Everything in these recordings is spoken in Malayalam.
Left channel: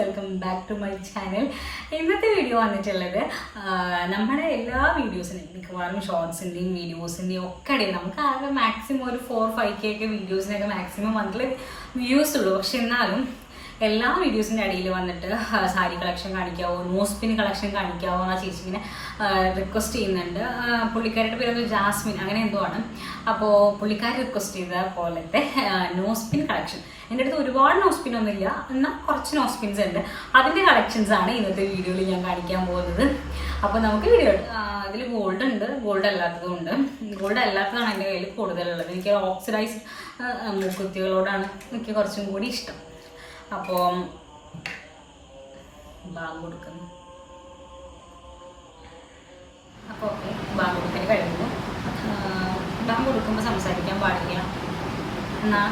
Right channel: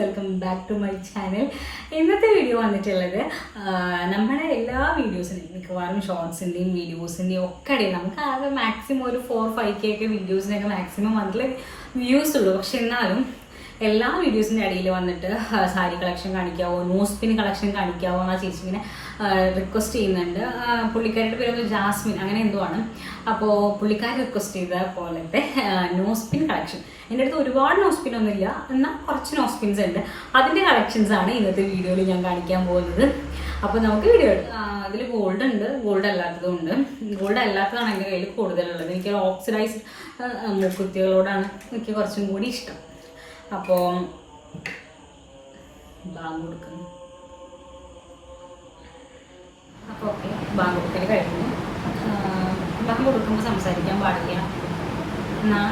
Welcome back to my channel. ഇന്നത്തെ വീഡിയോ വന്നിട്ടുള്ളത് നമ്മുടെ എല്ലാ വീഡിയോസിനെയും മിക്കവാറും ഷോർട്സിൻ്റെയും വീഡിയോസിൻ്റെയും ഒക്കെ ഇടയിൽ നമുക്ക് ആകെ മാക്സിമം ഒരു 4-5K ഒക്കെ വീഡിയോസിനൊക്കെ മാക്സിമം വന്നിട്ടുള്ള വ്യൂസ് ഉള്ളൂ. പക്ഷെ എന്നാലും എല്ലാ വീഡിയോസിൻ്റെ ഇടയിൽ വന്നിട്ട് സാരി കളക്ഷൻ കാണിക്കാവോ, നോസ്പിൻ കളക്ഷൻ കാണിക്കാവോ എന്നാ ചേച്ചി ഇങ്ങനെ റിക്വസ്റ്റ് ചെയ്യുന്നുണ്ട്. പുള്ളിക്കാരുടെ പേരൊന്ന് ജാസ്മിൻ അങ്ങനെ എന്തോ ആണ്. അപ്പോൾ പുള്ളിക്കാർ റിക്വസ്റ്റ് ചെയ്ത പോലത്തെ നോസ്പിൻ കളക്ഷൻ എൻ്റെ അടുത്ത് ഒരുപാട് നോസ്പിൻ ഒന്നുമില്ല, എന്നാൽ കുറച്ച് നോസ്പിൻസ് ഉണ്ട്. അതിൻ്റെ കളക്ഷൻസ് ആണ് ഇന്നത്തെ വീഡിയോയിൽ ഞാൻ കാണിക്കാൻ പോകുന്നത്. അപ്പോൾ നമുക്ക് വീഡിയോ ഇതിൽ ഗോൾഡ് ഉണ്ട്, ഗോൾഡ് അല്ലാത്തതും ഉണ്ട്. ഗോൾഡ് അല്ലാത്തതാണ് എൻ്റെ കയ്യിൽ കൂടുതലുള്ളത്. എനിക്ക് ഓക്സിഡൈസ്ഡ് മൂക്കുത്തികളോടാണ് എനിക്ക് കുറച്ചും കൂടി ഇഷ്ടം. അപ്പോൾ ബാങ്ക് കൊടുക്കുന്നു. അപ്പോൾ ഓക്കെ, ബാങ്ക് കൊടുക്കൽ കഴിഞ്ഞു. ബാങ്ക് കൊടുക്കുമ്പോൾ സംസാരിക്കാൻ പാടില്ല എന്നാൽ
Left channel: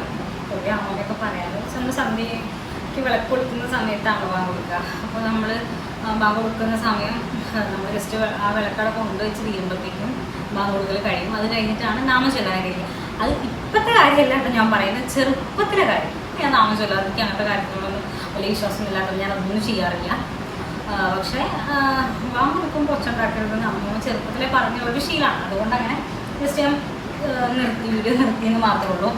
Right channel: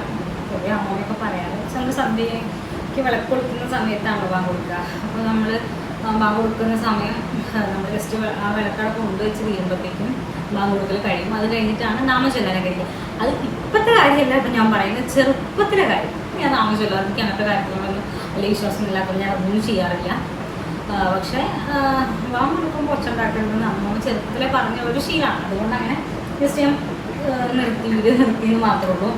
കുറേ അമ്മയൊക്കെ പറയാറ്. നമ്മൾ സന്ധ്യയ്ക്ക് വിളക്ക് കൊടുക്കുന്ന സമയത്താണല്ലോ ബാങ്ക് കൊടുക്കുക. അപ്പോൾ നമ്മൾ ബാങ്ക് കൊടുക്കുന്ന സമയം നമ്മൾ ജസ്റ്റ് ആ വിളക്കട കൊണ്ടുവച്ച് തീരുമ്പോഴത്തേക്കും ബാങ്ക് കൊടുക്കൽ കഴിയും. അത് കഴിഞ്ഞിട്ടാണ് നാമം ചൊല്ലാൻ കഴിയും. അത് ഇപ്പോഴത്തെ കാര്യമല്ല കേട്ടോ ഞാൻ പറയുന്നത്, ചെറുപ്പത്തിലെ കാര്യം. ഞാൻ നാമം ചൊല്ലാറ്, എനിക്ക് അങ്ങനത്തെ കാര്യത്തിനോടൊന്നും വലിയ വിശ്വാസമില്ലാത്തത് ഞാൻ അതൊന്നും ചെയ്യാറില്ല. പക്ഷേ ബാങ്ക് കൊടുക്കുമ്പോൾ ഒച്ച ഉണ്ടാക്കരുതെന്ന് അമ്മ ചെറുപ്പത്തിലെ പറഞ്ഞുള്ളൊരു ശീലമാണ്. അതുകൊണ്ട് അങ്ങനെ ജസ്റ്റ് ഞാൻ വീഡിയോ നിർത്തിയെന്ന് മാത്രമേ ഉള്ളൂ.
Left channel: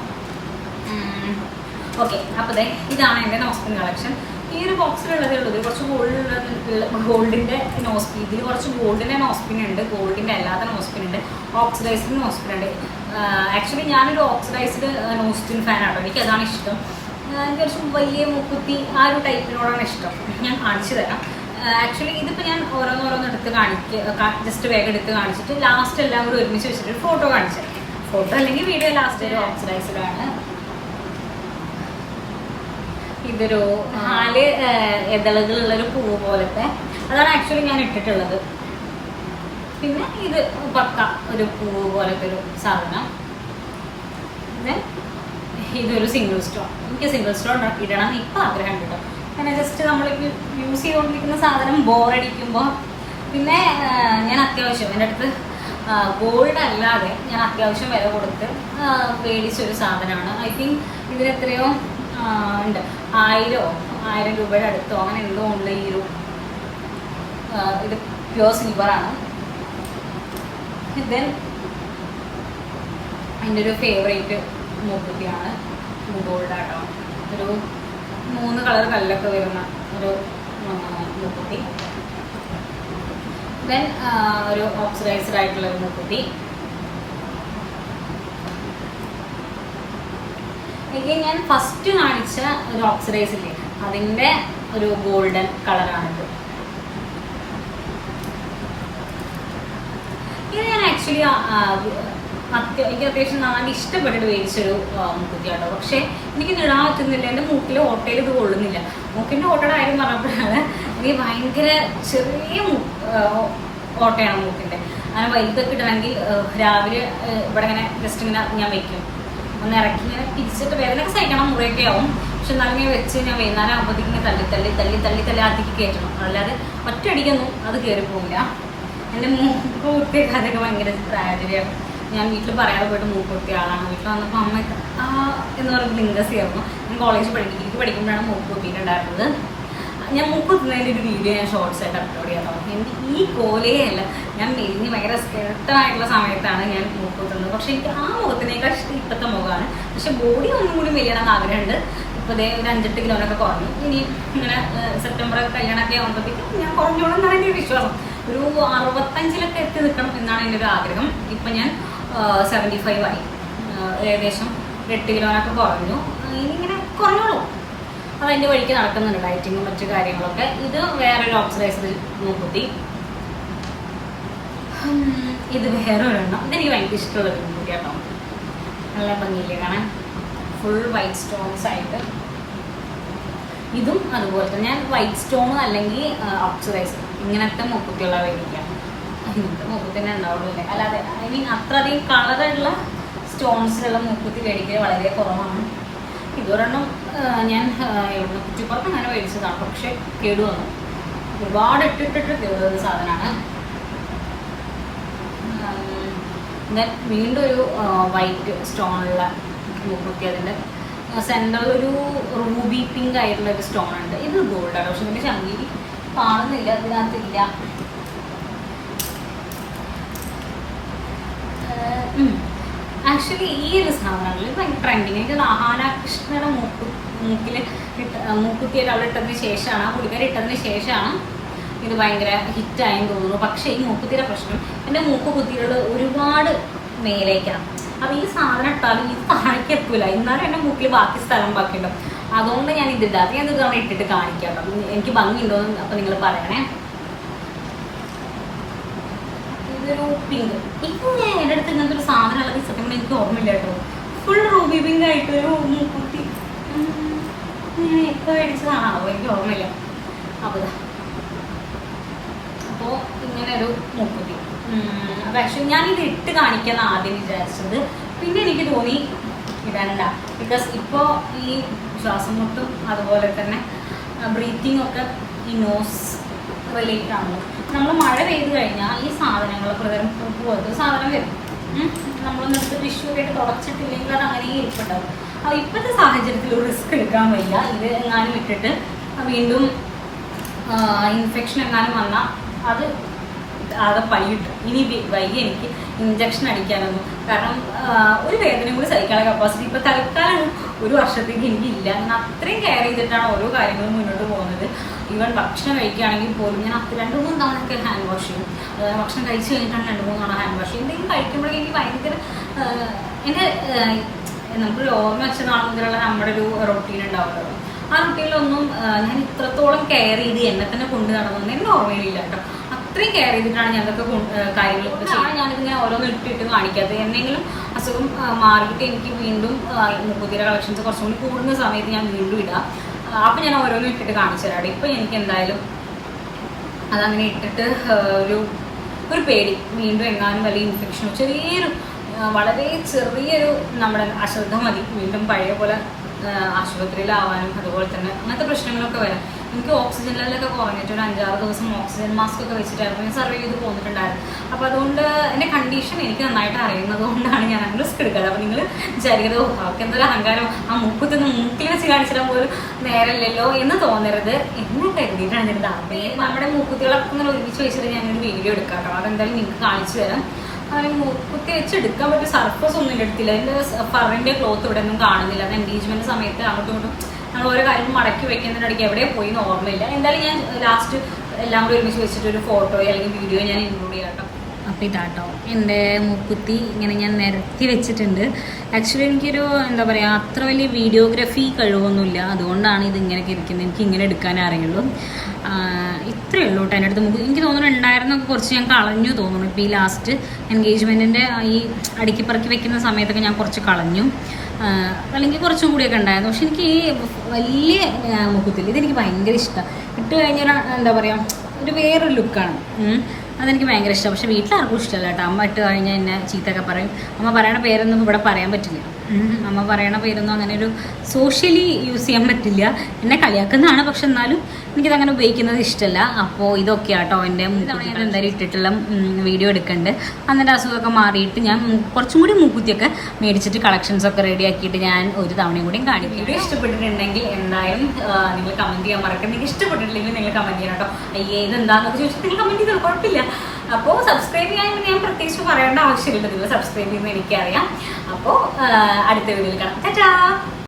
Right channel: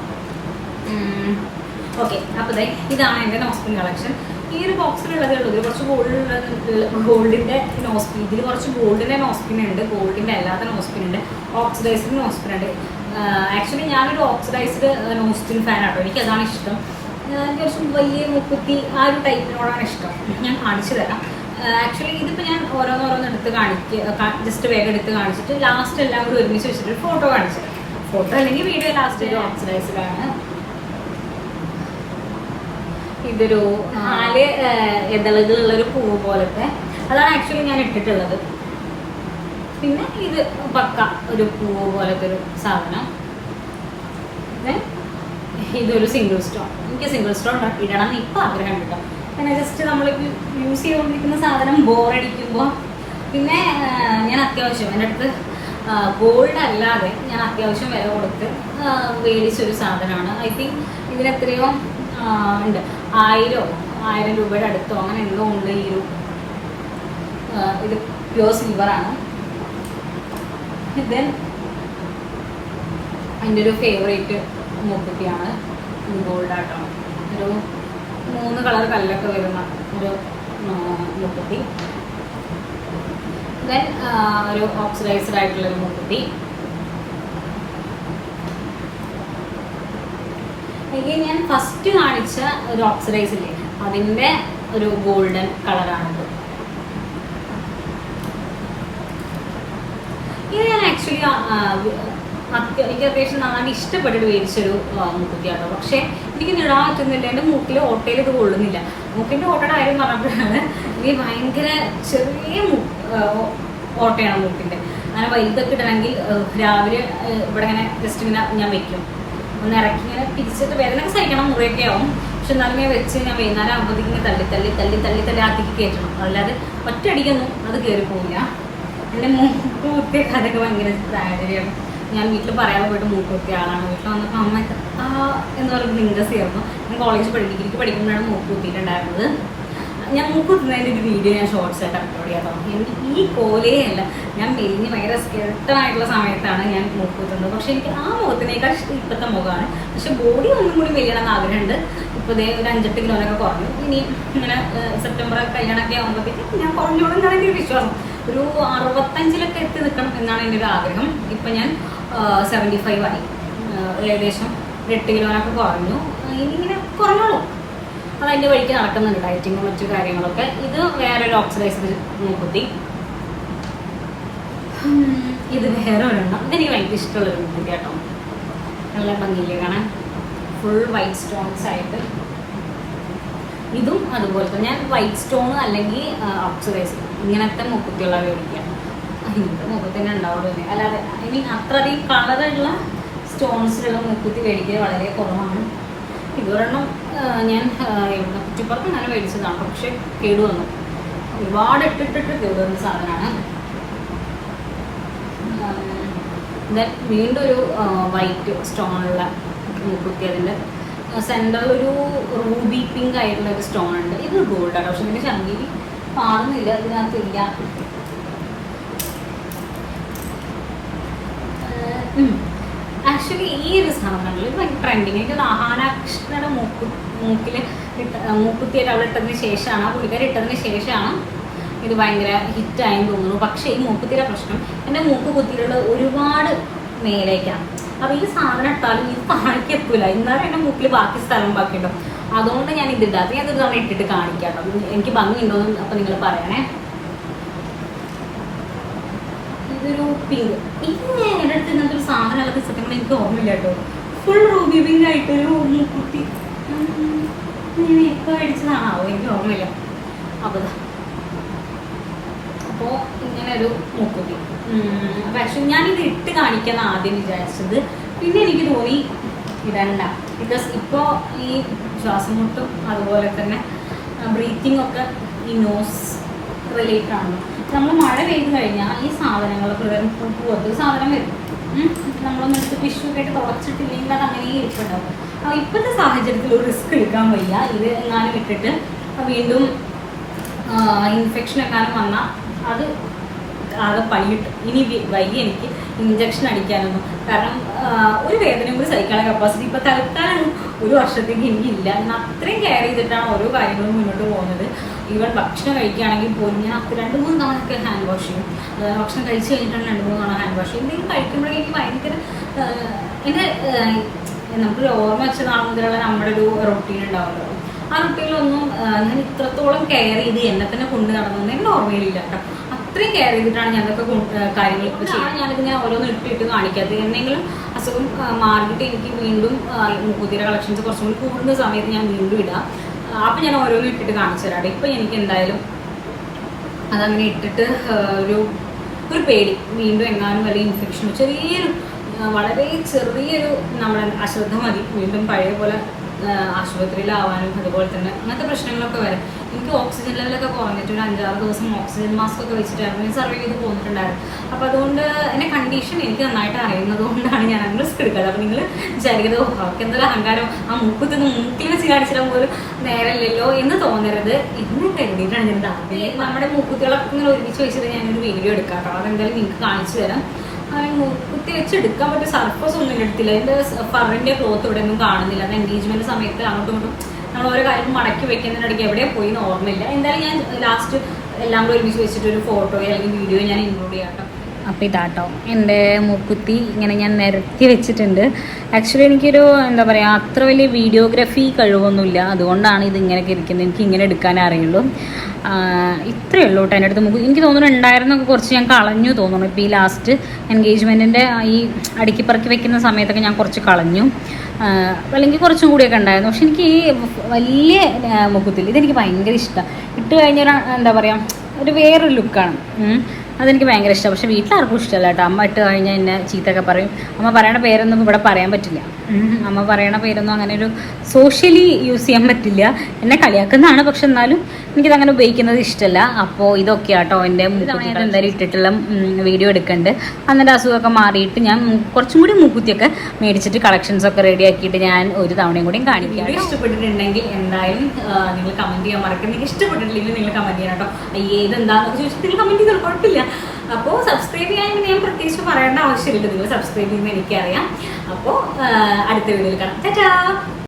ഓക്കെ, അപ്പോൾ ഇതാണ് എൻ്റെ നോസ്പിൻ കളക്ഷൻ. ഈ ഒരു ബോക്സിലുള്ളതേ ഉള്ളൂ. ഇതിൽ കുറച്ച് ഗോൾഡിൻ്റെ നോസ്പിൻ, ഇതിൽ കുറച്ച് ഗോൾഡിൻ്റെ നോസ്പിൻ ഉണ്ട്, ഗോൾഡിൻ്റെ അല്ലാത്ത നോസ്പിൻ ഉണ്ട്, ഓക്സിഡൈസ്ഡ് നോസ്പിൻ ഉണ്ട്. ആക്ച്വലി ഞാനൊരു ഓക്സിഡൈസ്ഡ് നോസ്പിൻ ഫാൻ ആട്ടോ. എനിക്കതാണ് ഇഷ്ടം. എനിക്ക് കുറച്ച് വലിയ മുക്കുത്തി ആ ഒരു ടൈപ്പിനോടാണ് ഇഷ്ടം. ഞാൻ കാണിച്ചു തരാം. ആക്ച്വലി ഇതിപ്പോൾ ഞാൻ ഓരോന്നോരോന്ന് എടുത്ത് ജസ്റ്റ് വേഗം എടുത്ത് കാണിച്ചിട്ട് ലാസ്റ്റ് എല്ലാം കൂടി ഒരുമിച്ച് വെച്ചിട്ട് ഫോട്ടോ കാണിച്ചു. ഫോട്ടോ അല്ലെങ്കിൽ വീഡിയോ ലാസ്റ്റ് ഒരു ഓക്സിഡൈസ്ഡാണ്. ഇതൊരു 4 ഇതളുകളുള്ളൊരു പൂവ് പോലത്തെ, അതാണ് ആക്ച്വലി ഞാൻ ഇട്ടിട്ടുള്ളത്. പിന്നെ ഇത് പക്ക ഒരു പൂവ് പോലത്തെ ഒരു സാധനം. പിന്നെ ഇതൊരു സിംഗിൾ സ്റ്റോൺ. എനിക്ക് സിംഗിൾ സ്റ്റോൺ ഇടണം എന്ന് ഇപ്പോൾ ആഗ്രഹം കിട്ടോ. പിന്നെ ജസ്റ്റ് നമ്മൾ യൂസ് ചെയ്തുകൊണ്ടിരിക്കുന്ന സാധനം ബോറടിക്കുമ്പോൾ പിന്നെ ഞാൻ അത്യാവശ്യം എൻ്റെ അടുത്ത് ഗോൾഡ് അല്ലാതെ ഞാൻ അത്യാവശ്യം വില കൊടുത്ത് മേടിച്ചൊരു സാധനമാണ്. ഐ തിങ്ക് ഇതിനെത്രയോ ഉണ്ട്, 1000 രൂപയുടെ അടുത്തോ അങ്ങനെ എന്തോ ഉണ്ട്. ഈ ഒരു ഇത് പ്യുവർ സിൽവറാണ്. ദെൻ എൻ്റെ ഒരു ഫേവറേറ്റ് മൂക്കുത്തിയാണ് ഗോൾഡാട്ടോ. ഒരു 3 കളർ കല്ലൊക്കെ വരുന്ന ഒരു മൂക്കുത്തി. ദെൻ ഒരു ഓക്സിഡൈസ്ഡ് ആയിട്ടുള്ളൊരു മൂക്കുത്തി. എനിക്ക് ഞാൻ ഫസ്റ്റ് കാണിച്ച ഒരു ഓക്സിഡൈസ് ഇല്ലേ, അതിൻ്റെ ഒരു ഗോൾഡൻ കളറാണിത്. ഇത് ഞാൻ ആക്ച്വലി എനിക്ക് അത്യാവശ്യം നാല് ഇഷ്ടപ്പെട്ടിട്ട് മേടിച്ചൊരു മൂക്കുത്തിയാട്ടോ. പക്ഷേ എനിക്ക് നിടാൻ പറ്റുന്നില്ല, എൻ്റെ മൂക്കിൽ ഓട്ടയിൽ ഇത് കൊള്ളുന്നില്ല. മൂക്കിൻ്റെ ഓട്ടയുടെ കാര്യം പറഞ്ഞപ്പോഴാണ് എനിക്ക് ഭയങ്കര ചെറിയ ഓട്ടയാണ് മൂക്കിൻ്റെ. അങ്ങനെ വലുതൊക്കെ ഇടണമെങ്കിൽ രാവിലെ ഇവിടെ ഇങ്ങനെ ജസ്റ്റ് ഇങ്ങനെ ഞാൻ വെക്കും, ഒന്ന് ഇറക്കി ഇങ്ങനെ തിരിച്ചിട്ട് വേദനയൊക്കെ സഹിക്കണം, മുറിയൊക്കെ ആവും. പക്ഷെ എന്നാലും ഇങ്ങനെ വെച്ച് ഞാൻ വൈകുന്നേരം ആകുമ്പോഴത്തേക്ക് ഇങ്ങനെ തള്ളി ആദ്യക്ക് കയറ്റണം. അല്ലാതെ ഒറ്റയടിക്കൊന്നും അത് കയറിപ്പോവില്ല. എൻ്റെ മൂക്ക് കുത്തിയൊക്കെ അതൊക്കെ ഭയങ്കര ട്രാജഡിയാണ്. ഞാൻ വീട്ടിൽ പറയാതെ പോയിട്ട് മൂക്ക് കുത്തിയ ആളാണ്. വീട്ടിൽ വന്നപ്പോൾ അമ്മയൊക്കെ എന്ന് പറയുമ്പോൾ ലിംഗസ് ആയിരുന്നു. ഞാൻ ഡിഗ്രിക്ക് പഠിക്കുമ്പോഴാണ് മൂക്ക് കുത്തിയിട്ടുണ്ടായിരുന്നത്. ഞാൻ മൂക്ക് കുത്തുന്നതിൻ്റെ ഒരു വീഡിയോ ഞാൻ ഷോർട്സ് ആയിട്ട് അപ്ലോഡ് ചെയ്യാം. എനിക്ക് ഈ കോലയല്ല, ഞാൻ മെലിഞ്ഞ് ഭയങ്കര സ്കെൽട്ടനായിട്ടുള്ള സമയത്താണ് ഞാൻ മൂക്ക് കുത്തുന്നത്. പക്ഷെ എനിക്ക് ആ മുഖത്തിനേക്കാൾ ഇഷ്ടം ഇപ്പോഴത്തെ മുഖമാണ്. പക്ഷെ ബോഡി ഒന്നും കൂടി മെലിയണം എന്ന് ആഗ്രഹമുണ്ട്. ഇപ്പോൾ ഒരു 5-8 കിലോനൊക്കെ കുറഞ്ഞു. ഇനി ഇങ്ങനെ സെപ്റ്റംബർ കല്യാണമൊക്കെ ആകുമ്പോഴത്തേക്കും ഞാൻ കുറഞ്ഞോളും എന്നാണ് എൻ്റെ ഒരു വിശ്വാസം. ഒരു 65 എത്തി നിൽക്കണം എന്നാണ് എൻ്റെ ഒരു ആഗ്രഹം. ഇപ്പം ഞാൻ 75 ആയി. ഏകദേശം 8 കിലോനൊക്കെ കുറഞ്ഞു. ഇനി ഇങ്ങനെ കുറഞ്ഞോളും. അതതിൻ്റെ വഴിക്ക് നടക്കുന്നുണ്ട്, ഡയറ്റിങ്ങും മറ്റു കാര്യങ്ങളൊക്കെ. ഇത് വേറൊരു ഓക്സിഡൈസ്ഡ് മൂക്കുത്തി. ഇത് വേറെ ഒരെണ്ണം. ഇതെനിക്ക് ഭയങ്കര ഇഷ്ടമുള്ളൊരു മൂക്കുത്തി കേട്ടോ. നല്ല ഭംഗിയില്ലേ കാണാൻ, ഫുൾ വൈറ്റ് സ്റ്റോൺസ് ആയിട്ട്. ഇതും അതുപോലെ തന്നെ ഞാൻ വൈറ്റ് സ്റ്റോൺ അല്ലെങ്കിൽ ഓക്സിഡൈസ്ഡ് ഇങ്ങനത്തെ മൂക്കുത്തിയുള്ള മേടിക്കാം. ഇങ്ങനത്തെ മൂക്കുത്തിനെ ഉണ്ടാവുള്ളൂ. അല്ലാതെ ഐ മീൻ അത്രയധികം കളറുള്ള സ്റ്റോൺസിലുള്ള മൂക്കുത്തി മേടിക്കൽ വളരെ കുറവാണ്. ഇതൊരെണ്ണം ഞാൻ ഇവിടെ ചുപ്പുറത്ത് അങ്ങനെ മേടിച്ചതാണ്. പക്ഷെ കേടുവന്നു, ഒരുപാട് ഇട്ടിട്ട് കേടുവന്ന സാധനമാണ്. വീണ്ടും ഒരു വൈറ്റ് സ്റ്റോണുള്ള മൂക്കുത്തി. അതിൻ്റെ സെൻറ്ററിൽ ഒരു റൂബി പിങ്ക് ആയിട്ടുള്ള ഒരു സ്റ്റോൺ ഉണ്ട്. ഇത് ഗോൾഡാണ്, പക്ഷെ ഇതിൻ്റെ ചങ്കിരി കാണുന്നില്ല, ഇതിനകത്തില്ല. ആക്ച്വലി ഈ ഒരു സാധനങ്ങൾ ഇത് ഭയങ്കര ട്രെൻഡിങ്. എനിക്കത് ആഹാരകൃഷ്ണയുടെ മൂക്കിൽ മൂക്കുത്തിയായിട്ട് അവൾ ഇട്ടതിന് ശേഷമാണ്, ആ പുള്ളിക്കാരി ഇട്ടതിന് ശേഷമാണ് ഇത് ഭയങ്കര ഹിറ്റായെന്ന് തോന്നുന്നു. പക്ഷേ ഈ മൂക്കുത്തിയുടെ പ്രശ്നം എൻ്റെ മൂക്ക് കുത്തിയുള്ള ഒരുപാട് മേലേക്കാണ്. അപ്പോൾ ഈ സാധനം ഇട്ടാലും ഇത് താഴേക്ക് എത്തൂല, എന്നാലും എൻ്റെ മൂക്കിൽ ബാക്കി സ്ഥലം ബാക്കിയുണ്ടോ. അതുകൊണ്ട് ഞാൻ ഇതിടാതെ ഞാനൊരു തവണ ഇട്ടിട്ട് കാണിക്കാം കേട്ടോ, എനിക്ക് ഭംഗിയുണ്ടോന്ന് അപ്പോൾ നിങ്ങൾ പറയണേ. ഇതൊരു പിങ്ക്. ഇത് എൻ്റെ അടുത്ത് ഇങ്ങനത്തെ ഒരു സാധനം അല്ലെങ്കിൽ സത്യം കൂടെ എനിക്ക് ഓർമ്മയില്ല കേട്ടോ. ഫുൾ റൂബി പിങ്ക് ആയിട്ട് ഒരു മൂക്കുത്തി ഇങ്ങനെ ഒക്കെ അടിച്ചതാണാവോ, എനിക്ക് ഓർമ്മയില്ല. അപ്പോൾ ഇങ്ങനെ ഒരു മൂക്കുത്തി. പക്ഷെ ഞാനിത് ഇട്ട് കാണിക്കാന്ന് ആദ്യം വിചാരിച്ചത്, പിന്നെ എനിക്ക് തോന്നി ഇടണ്ട. ബിക്കോസ് ഇപ്പോൾ ഈ ശ്വാസം മുട്ടും അതുപോലെ തന്നെ ബ്രീത്തിങ് ഒക്കെ ഈ നോസ് റിലേറ്റഡ് ആണ്. നമ്മൾ മഴ പെയ്ത് കഴിഞ്ഞാൽ ഈ സാധനങ്ങൾ പോലത്തെ സാധനം വരും. നമ്മളൊന്നെടുത്ത് ടിഷ്യൂ ഒക്കെ ആയിട്ട് തുടച്ചിട്ടില്ലെങ്കിൽ അത് അങ്ങനെ ഇരിപ്പുണ്ടാവും. അപ്പോൾ ഇപ്പോഴത്തെ സാഹചര്യത്തിൽ ഒരു റിസ്ക് എടുക്കാൻ വയ്യ. ഇത് എങ്ങാനും ഇട്ടിട്ട് വീണ്ടും ഇൻഫെക്ഷൻ എങ്ങാനും വന്നാൽ അത് ആകെ പണി കിട്ടും. ഇനി വൈകി എനിക്ക് ഇഞ്ചക്ഷൻ അടിക്കാനൊന്നും, കാരണം ഒരു വേദനയും കൂടി സഹിക്കാനുള്ള കപ്പാസിറ്റി ഇപ്പോൾ തൽക്കാലം ഒരു വർഷത്തേക്ക് എനിക്കില്ല. ഞാൻ അത്രയും കെയർ ചെയ്തിട്ടാണ് ഓരോ കാര്യങ്ങളും മുന്നോട്ട് പോകുന്നത്. ഈവൻ ഭക്ഷണം കഴിക്കുകയാണെങ്കിൽ പോലും ഞാൻ 2-3 തവണയൊക്കെ ഹാൻഡ് വാഷ് ചെയ്യും. ഭക്ഷണം കഴിച്ച് കഴിഞ്ഞിട്ടാണ് 2-3 തവണ ഹാൻഡ് വാഷ് ചെയ്യും. എന്തെങ്കിലും കഴിക്കുമ്പോഴേക്കും എനിക്ക് ഭയങ്കര എൻ്റെ നമുക്കൊരു ഓർമ്മ വെച്ചതാണ് മുതലുള്ള നമ്മുടെ ഒരു റൊട്ടീൻ ഉണ്ടാവുന്നത്. ആ റൊട്ടീനിലൊന്നും ഞാൻ ഇത്രത്തോളം കെയർ ചെയ്ത് എന്നെ തന്നെ കൊണ്ടു നടന്നതെന്ന് എൻ്റെ ഓർമ്മയിലില്ല കേട്ടോ. അത്രയും കെയർ ചെയ്തിട്ടാണ് ഞാൻ അതൊക്കെ കാര്യങ്ങൾ ഇപ്പോൾ ചെയ്യാൻ. ഞാനിതിങ്ങനെ ഓരോന്ന് ഇട്ടിട്ട് കാണിക്കാത്തത്. എന്തെങ്കിലും അസുഖം മാറിയിട്ട് എനിക്ക് വീണ്ടും മൂക്കുത്തിയുടെ കളക്ഷൻസ് കുറച്ചും കൂടി കൂടുന്ന സമയത്ത് ഞാൻ വീണ്ടും ഇടാം. അപ്പം ഞാൻ ഓരോന്നും ഇട്ടിട്ട് കാണിച്ചു തരാം. ഇപ്പം എനിക്ക് എന്തായാലും അതങ്ങനെ ഇട്ടിട്ട് ഒരു പേടി, വീണ്ടും എങ്ങാനും വലിയ ഇൻഫെക്ഷനോ ചെറിയൊരു വളരെ ചെറിയൊരു നമ്മുടെ അശ്രദ്ധ മതി വീണ്ടും പഴയ പോലെ ആശുപത്രിയിലാവാനും അതുപോലെ തന്നെ അങ്ങനത്തെ പ്രശ്നങ്ങളൊക്കെ വരാം. എനിക്ക് ഓക്സിജൻ ലെവലൊക്കെ കുറഞ്ഞിട്ട് ഒരു 5-6 ദിവസം ഓക്സിജൻ മാസ്ക് ഒക്കെ വെച്ചിട്ടായിരുന്നു ഞാൻ സർവൈവ് ചെയ്ത് പോന്നിട്ടുണ്ടായിരുന്നു. അപ്പോൾ അതുകൊണ്ട് എൻ്റെ കണ്ടീഷൻ എനിക്ക് നന്നായിട്ട് അറിയുന്നത് കൊണ്ടാണ് ഞാൻ അങ്ങനെ റിസ്ക് എടുക്കാറ്. അപ്പോൾ നിങ്ങൾ വിചാരിക്കുന്നത് അവർക്ക് എന്തൊരു അഹങ്കാരം, ആ മൂക്കത്തൊന്ന് മൂക്കിൽ വെച്ച് കാണിച്ചിടാൻ പോലും നേരമില്ലല്ലോ എന്ന് തോന്നരുത് എന്ന് കരുതിയിട്ടാണ് ഞാൻ താല്പര്യം. നമ്മുടെ മൂക്കുത്തികളൊക്കെ ഇങ്ങനെ ഒരുമിച്ച് വെച്ചിട്ട് ഞാനൊരു വീഡിയോ എടുക്കാം കേട്ടോ. അതെന്തായാലും നിങ്ങൾക്ക് കാണിച്ചു തരാം. അങ്ങനെ മൂക്കുത്തി വെച്ചെടുക്കാൻ പറ്റിയ സർഫസ് ഒന്നും എടുത്തില്ല. അതിൻ്റെ ഫറിൻ്റെ ക്ലോത്ത് ഇവിടെ ഒന്നും കാണുന്നില്ല. അത് എൻഗേജ്മെൻറ്റ് സമയത്ത് അങ്ങോട്ടും ഇങ്ങോട്ടും നമ്മൾ ഓരോ കാര്യം മടക്കി വെക്കുന്നതിനിടയ്ക്ക് എവിടെ പോയി എന്ന് ഓർമ്മയില്ല. എന്തായാലും ഞാൻ ലാസ്റ്റ് എല്ലാം കൂടി ഒരുമിച്ച് വെച്ചിട്ട് ഒരു ഫോട്ടോയോ അല്ലെങ്കിൽ വീഡിയോ ഞാൻ ഇൻക്ലൂഡ് ചെയ്യാം കേട്ടോ. അപ്പോൾ ഇതാട്ടോ എൻ്റെ മൂക്കുത്തി ഇങ്ങനെ ഞാൻ നിരത്തി വെച്ചിട്ടുണ്ട്. ആക്ച്വലി എനിക്കൊരു എന്താ പറയുക അത്ര വലിയ വീഡിയോഗ്രാഫി കഴിവൊന്നുമില്ല, അതുകൊണ്ടാണ് ഇത് ഇങ്ങനെയൊക്കെ ഇരിക്കുന്നത്. എനിക്ക് ഇങ്ങനെ എടുക്കാനേ അറിയുള്ളൂ. ഇത്രയേ ഉള്ളൂ കേട്ടോ എൻ്റെ അടുത്ത് മൂക്ക്. എനിക്ക് തോന്നുന്നു ഉണ്ടായിരുന്നൊക്കെ കുറച്ച് ഞാൻ കളഞ്ഞു തോന്നുന്നു. ഇപ്പോൾ ഈ ലാസ്റ്റ് എൻഗേജ്മെൻറ്റിൻ്റെ ഈ അടുക്കി പറക്കി വെക്കുന്ന സമയത്തൊക്കെ ഞാൻ കുറച്ച് കളഞ്ഞു, അല്ലെങ്കിൽ കുറച്ചും കൂടിയൊക്കെ ഉണ്ടായിരുന്നു. പക്ഷെ എനിക്ക് ഈ വലിയ മൂക്കുത്തില്ല ഇതെനിക്ക് ഭയങ്കര ഇഷ്ടമാണ്. ഇട്ട് കഴിഞ്ഞൊരു എന്താ പറയുക ഒരു വേറൊരു ലുക്കാണ്. അതെനിക്ക് ഭയങ്കര ഇഷ്ടമാണ്. പക്ഷേ വീട്ടിലാർക്കും ഇഷ്ടമല്ല കേട്ടോ. അമ്മ ഇട്ട് കഴിഞ്ഞാൽ എന്നെ ചീത്തൊക്കെ പറയും. അമ്മ പറയണ പേരൊന്നും ഇവിടെ പറയാൻ പറ്റില്ല. അമ്മ പറയണ പേരൊന്നും അങ്ങനെ ഒരു സോഷ്യലി യൂസ് ചെയ്യാൻ പറ്റില്ല. എന്നെ കളിയാക്കുന്നതാണ്, പക്ഷെ എന്നാലും എനിക്കിതങ്ങനെ ഉപയോഗിക്കുന്നത് ഇഷ്ടമല്ല. അപ്പോൾ ഇതൊക്കെ കേട്ടോ എൻ്റെ മൂക്കുത്തി എന്തായാലും ഇട്ടിട്ടുള്ള വീഡിയോ എടുക്കുന്നുണ്ട്. അന്നേരം അസുഖമൊക്കെ മാറിയിട്ട് ഞാൻ കുറച്ചും കൂടി മൂക്കുത്തിയൊക്കെ മേടിച്ചിട്ട് കളക്ഷൻസൊക്കെ റെഡി ആക്കിയിട്ട് ഞാൻ ഒരു തവണയും കൂടിയും കാണിക്കാം. വീഡിയോ ഇഷ്ടപ്പെട്ടിട്ടുണ്ടെങ്കിൽ എന്തായാലും നിങ്ങൾ കമൻറ്റ് ചെയ്യാൻ മറക്കരുത്. നിങ്ങൾക്ക് ഇഷ്ടപ്പെട്ടിട്ടില്ലെങ്കിൽ നിങ്ങൾ കമൻറ്റ് ചെയ്യണം കേട്ടോ. അയ്യേ ഇതെന്താണെന്നൊക്കെ ചോദിച്ചിട്ട് നിങ്ങൾ കമൻറ്റ് ചെയ്താൽ കുഴപ്പമില്ല. അപ്പോൾ സബ്സ്ക്രൈബ് ചെയ്യാൻ ഞാൻ പ്രത്യേകിച്ച് പറയേണ്ട ആവശ്യമില്ല. നിങ്ങൾ സബ്സ്ക്രൈബ് ചെയ്യുന്നത് എനിക്കറിയാം. അപ്പോൾ അടുത്ത വീഡിയോയിൽ കാണാം. ടാറ്റാ.